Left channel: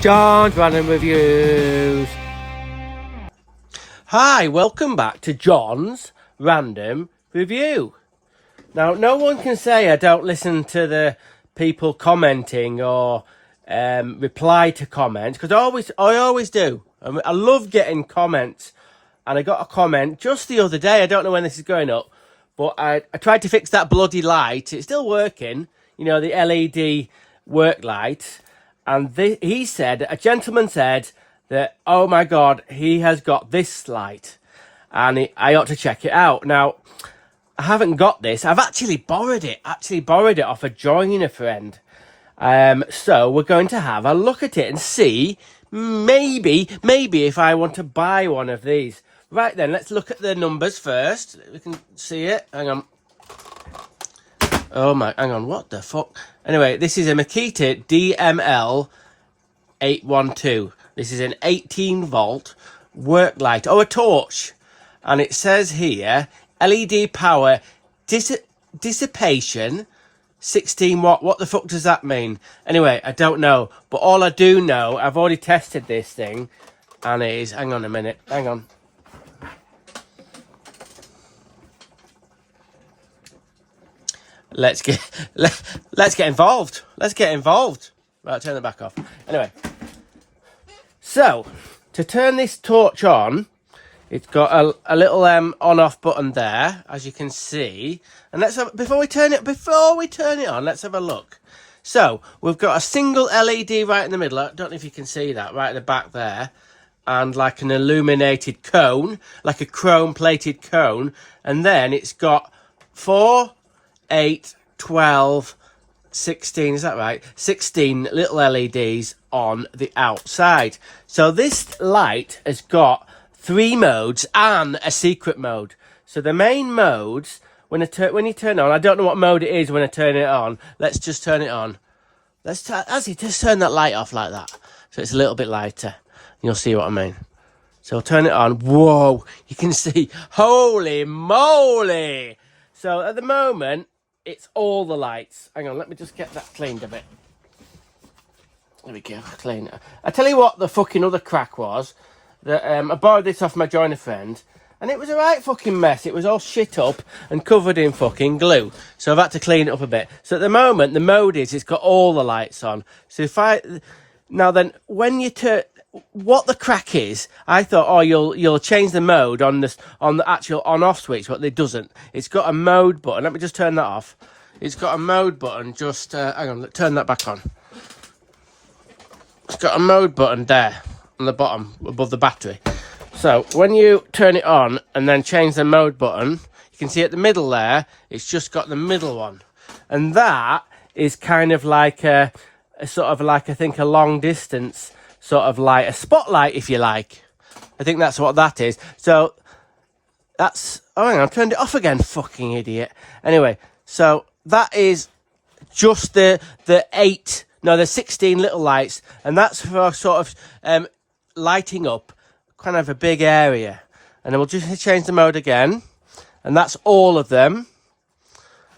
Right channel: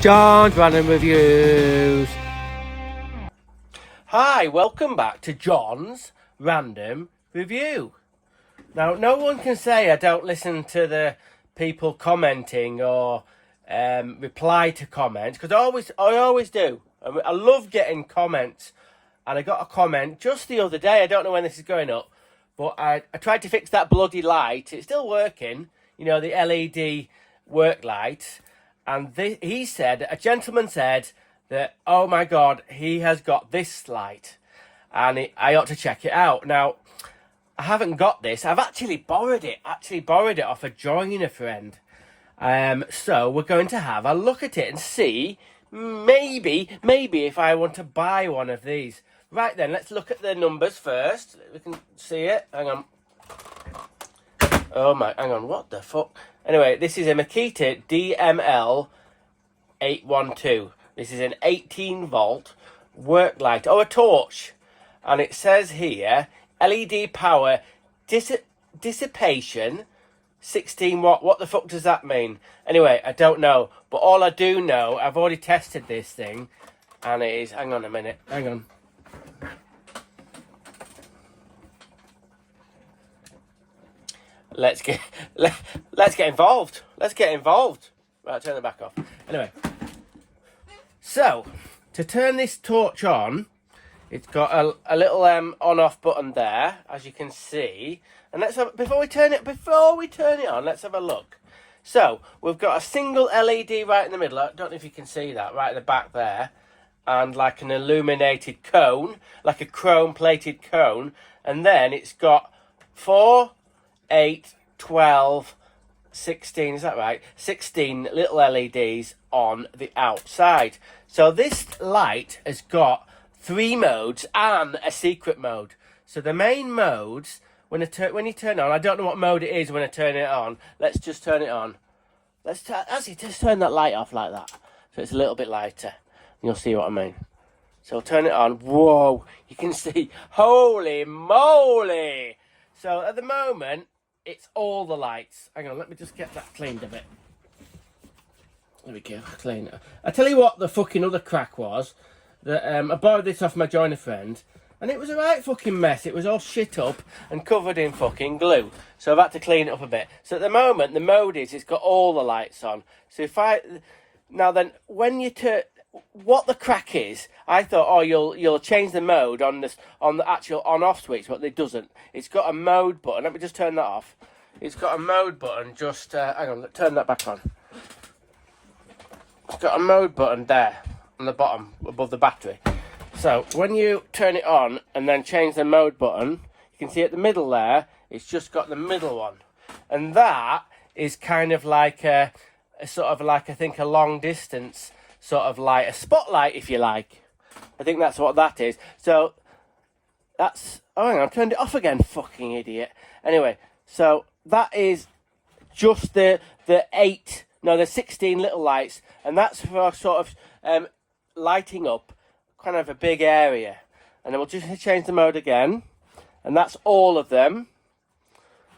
John's Random Reviews. Hi, welcome back to John's Random Review. Now, no one can say I don't listen to the people commenting or reply to comments, because I always do. I love getting comments, and I got a comment just the other day. I don't know when this is going up, but I tried to fix that bloody light. It's still working, you know, the LED work light. And a gentleman said that, oh my God, he has got this light and I ought to check it out. Now, I haven't got this. I've actually borrowed it off a joiner friend. So we're going to have a look at it and see maybe if I want to buy one of these. Right then, let's look at the numbers first. We can see it. Hang on. Oh my, hang on, what the fuck? Anyway, this is a Makita DML 812. This is an 18 volt work light, or a torch. And it says here, LED power dissipation, 16 watt. What the fuck does that mean? Anyway, I don't know. But all I do know, I've already tested this thing, and it is, hang on a minute, hang on. Let's get involved. Let's get involved. Right, turn it back off. Anyway, so to turn this torch on, it's got a little on-off button there, as you can see. And before we turn it on, let's have a look. So we've got a single LED right in the middle. I don't know if you can see that right at the back there, and like an illuminated cone, like a chrome-plated cone, and then it's got 4, 8, 12, 16, is that right? 16 little LEDs on the outside. So this light has got 3 modes and a secret mode. So the main modes, when you turn on, I don't know what mode it is when I turn it on. Let's just turn it on. Just turn that light off like that, so it's a little bit lighter. You'll see what I mean. So I'll turn it on. Whoa, you can see, holy moly. So at the moment, it's all the lights. Hang on, let me just get that cleaned a bit. There we go, clean it. I tell you what the fucking other crack was. That I borrowed this off my joiner friend, and it was a right fucking mess. It was all shit up and covered in fucking glue. So I've had to clean it up a bit. So at the moment, the mode is, it's got all the lights on. So now then, when you turn, what the crack is, I thought, oh, you'll change the mode on the actual on-off switch, but it doesn't. It's got a mode button. Let me just turn that off. It's got a mode button. Just hang on, turn that back on. It's got a mode button there on the bottom above the battery. So when you turn it on and then change the mode button, you can see at the middle there, it's just got the middle one, and that is kind of like a sort of like, I think, a long distance sort of light, a spotlight if you like. I think that's what that is. So that's, oh hang on, I turned it off again, fucking idiot. Anyway, so that is just the 16 little lights, and that's for sort of lighting up kind of a big area. And then we'll just change the mode again, and that's all of them.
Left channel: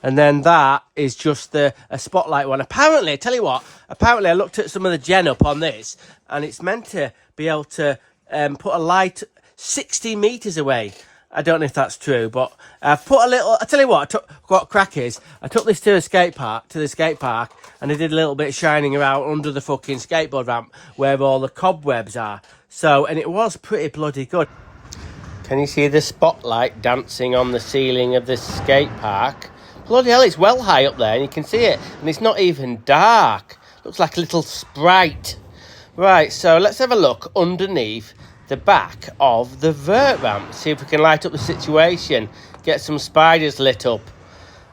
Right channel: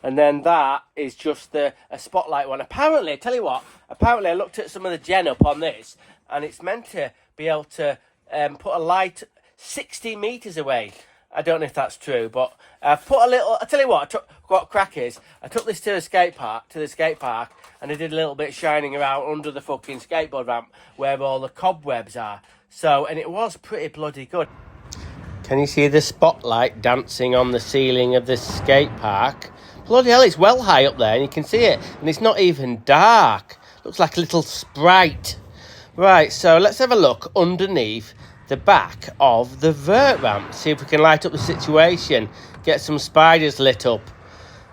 And then that is just a spotlight one. Apparently, I tell you what, apparently I looked at some of the gen up on this, and it's meant to be able to put a light 60 meters away. I don't know if that's true, but I've put a little, I tell you what, what crack is, I took this to the skate park, and I did a little bit of shining around under the fucking skateboard ramp where all the cobwebs are. So, and it was pretty bloody good. Can you see the spotlight dancing on the ceiling of this skate park? Bloody hell, it's well high up there, and you can see it, and it's not even dark. Looks like a little sprite. Right, so let's have a look underneath the back of the vert ramp. See if we can light up the situation. Get some spiders lit up.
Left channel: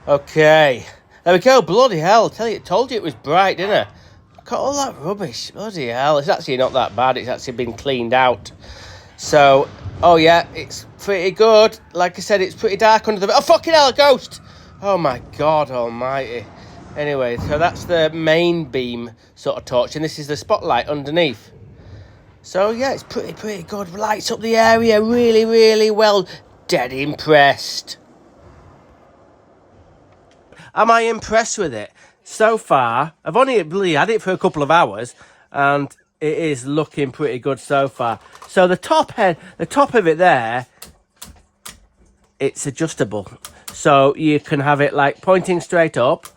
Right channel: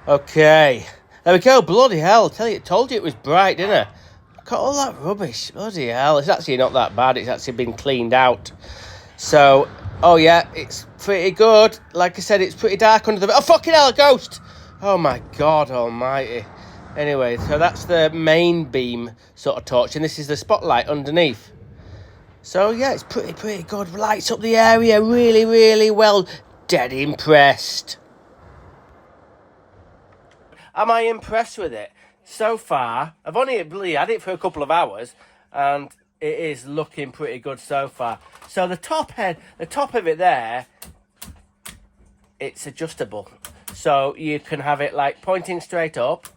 Okay, there we go. Bloody hell, told you it was bright, didn't I? Got all that rubbish. Bloody hell, it's actually not that bad. It's actually been cleaned out. So, oh yeah, it's pretty good. Like I said, it's pretty dark under the... Oh, fucking hell, a ghost! Oh my God almighty. Anyway, so that's the main beam sort of torch, and this is the spotlight underneath. So yeah, it's pretty good. Lights up the area really, really well. Dead impressed. Am I impressed with it? So far, I've only really had it for a couple of hours, and it is looking pretty good so far. So the top of it there, it's adjustable. So you can have it like pointing straight up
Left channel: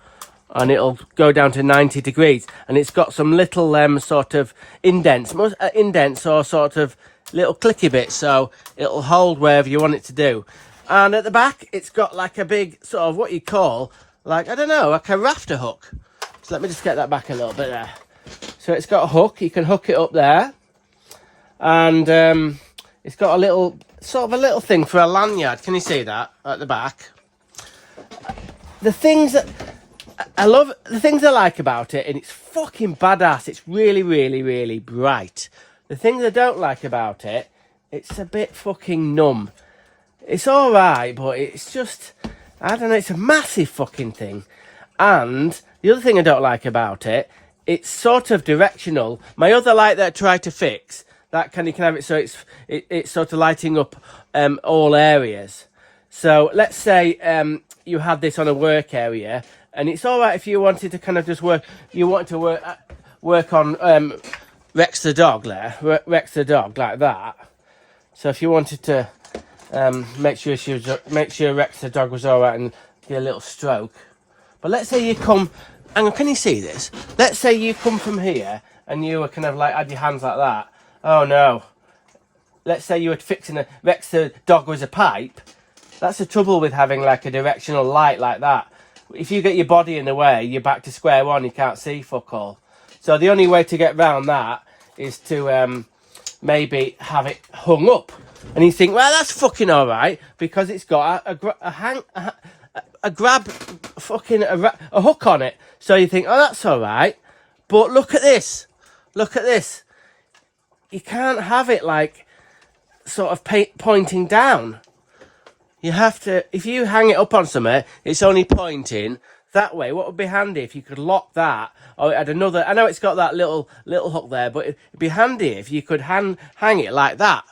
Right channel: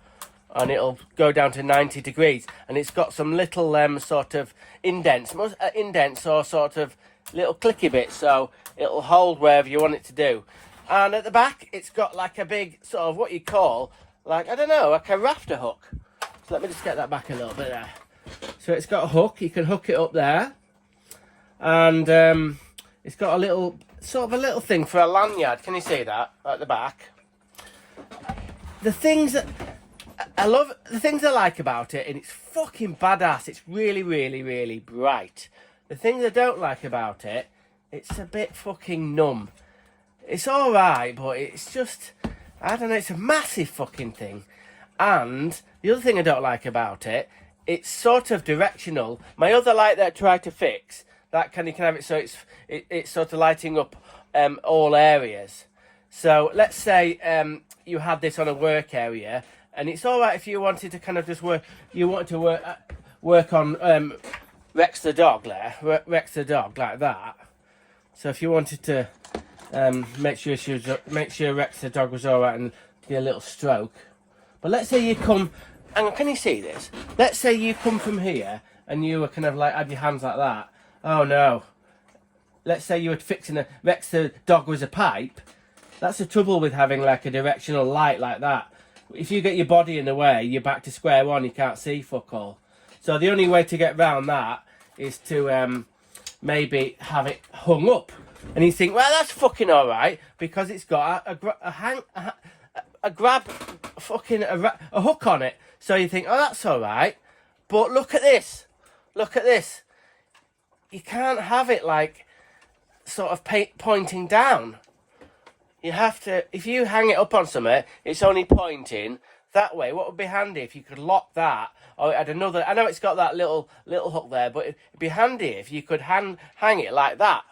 and it'll go down to 90 degrees. And it's got some little sort of indents or sort of little clicky bits. So it'll hold wherever you want it to do. And at the back, it's got like a big sort of what you call, like, I don't know, like a rafter hook. So let me just get that back a little bit there. So it's got a hook, you can hook it up there. And it's got a little, sort of a little thing for a lanyard. Can you see that at the back? The things that I love, the things I like about it, and it's fucking badass. It's really, really, really bright. The things I don't like about it, it's a bit fucking numb. It's alright, but it's just, I don't know, it's a massive fucking thing. And the other thing I don't like about it, it's sort of directional. My other light that I tried to fix, that you can have it so it's sort of lighting up all areas. So let's say you had this on a work area, and it's alright if you wanted to kind of just work, you wanted to work on Rex the dog there, Rex the dog like that. So if you wanted to make sure Rex the dog was alright and get a little stroke. But let's say you come, hang on, can you see this? Let's say you come from here and you were kind of like, had your hands like that. Oh no. Let's say you were fixing Rex the dog was a pipe. That's the trouble with having like a directional light like that. If you get your body in the way, you're back to square one, you can't see fuck all. So the only way to get round that is to maybe have it hung up. And you think, well, that's fucking alright, because it's got a hook on it. So you think, oh, that's alright. But look at this. Look at this. You can't have it like sort of pointing down. You have to, if you hang it up on something, it's only pointing that way. What would be handy if you could lock that, or it had another, I know it's got that little hook there, but it'd be handy if you could hang it like that.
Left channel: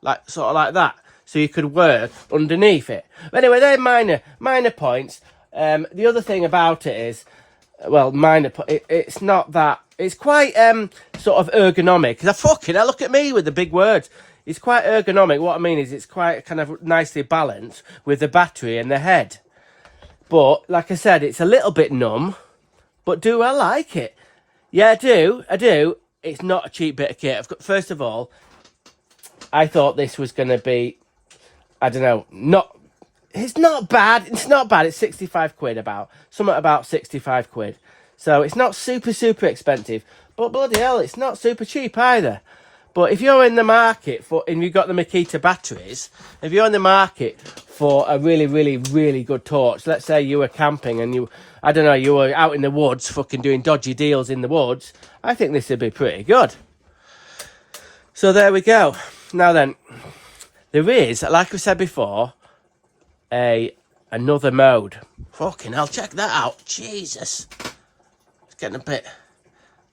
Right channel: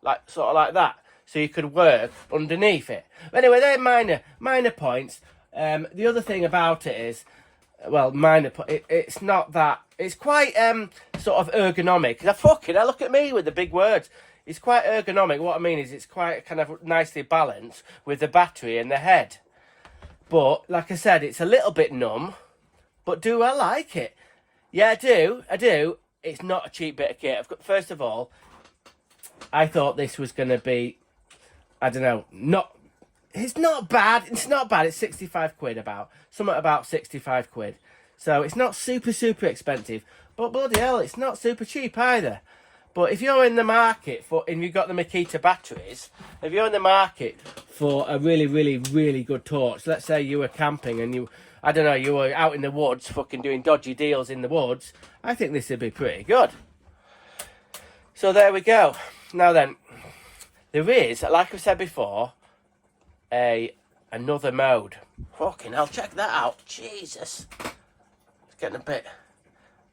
Like, sort of like that. So you could work underneath it. But anyway, they're minor points. The other thing about it is, well, it's not that, it's quite sort of ergonomic. Now look at me with the big words. It's quite ergonomic. What I mean is it's quite kind of nicely balanced with the battery and the head. But, like I said, it's a little bit numb. But do I like it? Yeah, I do. It's not a cheap bit of kit. First of all, I thought this was going to be, I don't know, it's not bad. It's not bad. It's 65 quid something about 65 quid. So it's not super, super expensive. But bloody hell, it's not super cheap either. But if you're in the market and you've got the Makita batteries, if you're in the market for a really, really, really good torch, let's say you were camping and you were out in the woods fucking doing dodgy deals in the woods, I think this would be pretty good. So there we go. Now then, there is, like I said before, another mode. Fucking hell, check that out. Jesus. It's getting a bit...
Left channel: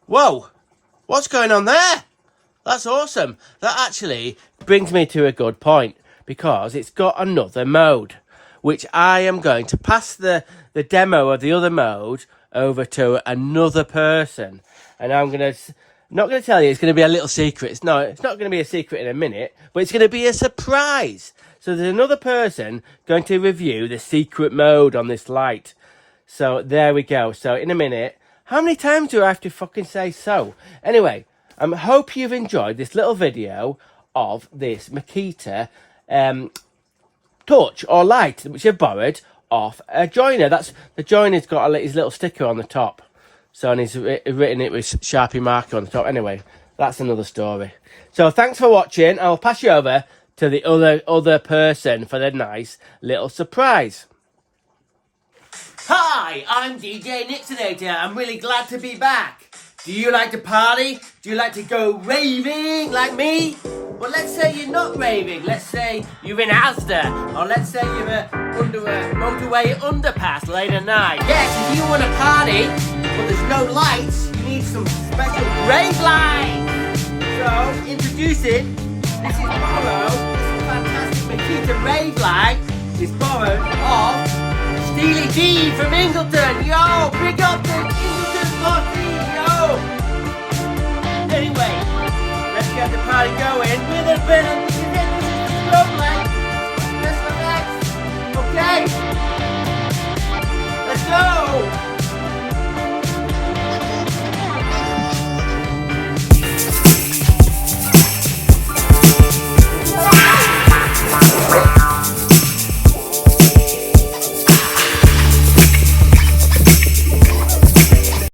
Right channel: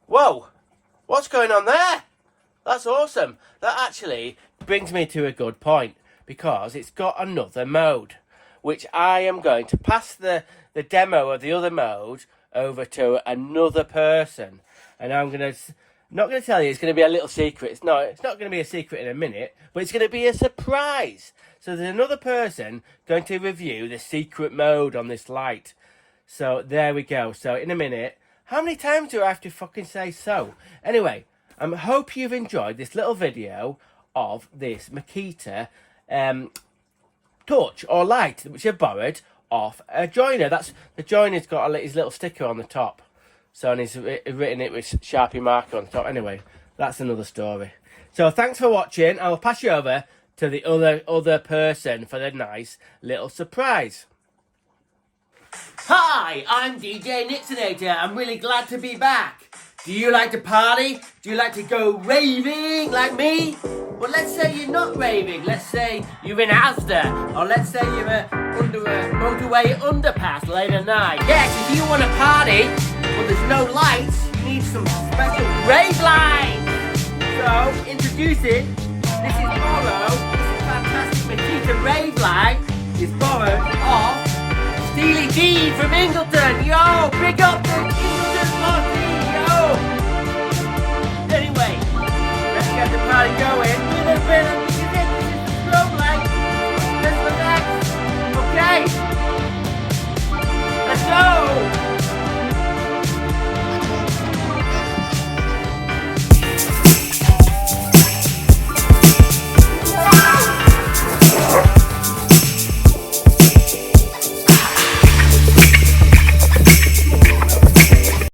Whoa! What's going on there? That's awesome. That actually brings me to a good point, because it's got another mode, which I am going to pass the demo of the other mode over to another person. And I'm going to... Not going to tell you, it's going to be a little secret. It's not going to be a secret in a minute, but it's going to be a surprise. So there's another person going to review the secret mode on this light. So there we go. So in a minute, how many times do I have to fucking say so? Anyway, I hope you've enjoyed this little video of this Makita torch or light, which I borrowed off a joiner. The joiner's got his little sticker on the top. So, and he's written it with Sharpie marker on the top. Anyway, that's another story. So, thanks for watching. I'll pass you over to the other person for the nice little surprise. Hi, I'm DJ Nixonator. I'm really glad to be back. Do you like to party? Do you like to go raving like me? Well, let's say you're not raving. Let's say you're in Asda. Or let's say you're under a motorway underpass late at night. Yes, if you want to party, but there's no lights, you need some special rave lights. So, introducing, this is borrowed, this fantastic Makita rave light is borrowed off Steely D from Ingleton. Yo, big up the Ingleton party, yo. Anyway, let's get the party going with a bit of